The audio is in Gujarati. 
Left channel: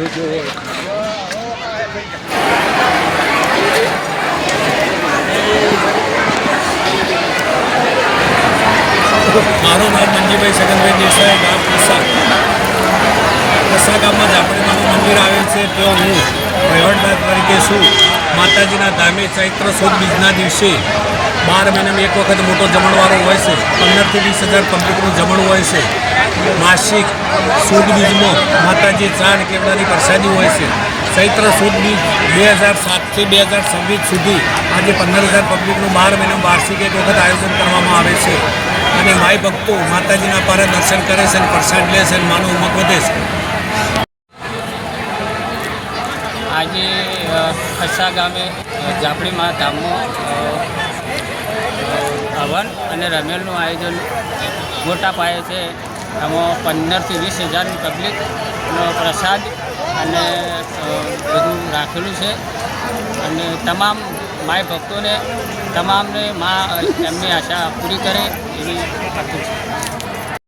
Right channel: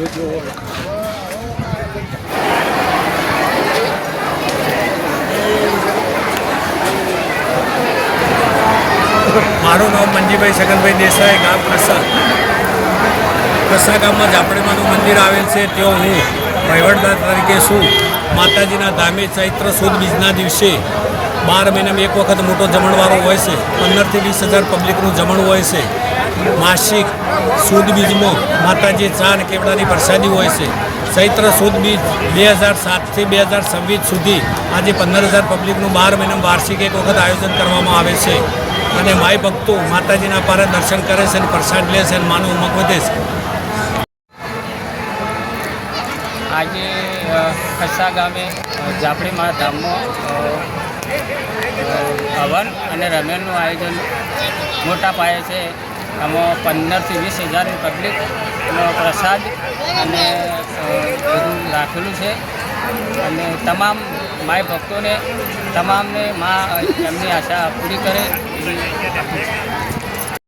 મારું નામ મંજીભાઈ છગનભાઈ દેસાઈ, ગામ પ્રસા ગામમાં ઝાપડીમાનું મંદિર આવેલ છે. ત્યાં હું વહીવટદાર તરીકે છું. માતાજીના ધામે ચૈત્ર સુદ બીજના દિવસે 12 મહિનામાં એક વખત મોટો જમણવારો હોય છે. 15 થી 20,000 પબ્લિકનું જમણ હોય છે. માસિક સુદ બીજમાં માતાજી ચા અને કેવડાની પ્રસાદી હોય છે. ચૈત્ર સુદ બીજ 2007 થી 2026 સુધી આજે 15,000 પબ્લિકનું 12 મહિનામાં વાર્ષિક એક વખત આયોજન કરવામાં આવે છે. અને માય ભક્તો માતાજીના પારે દર્શન કરે છે અને પ્રસાદ લે છે અને માનો ઉમંગ વધે છે. આજે ખસ્સા ગામે ઝાપડીમાં ધામમાં હવન અને રમેલનું આયોજન મોટા પાયે છે. આમાં 15 થી 20,000 પબ્લિકનો પ્રસાદ અને બધું રાખેલું છે. અને તમામ માય ભક્તોને તમામને મા એમની આશા પૂરી કરે એવી આપું છું.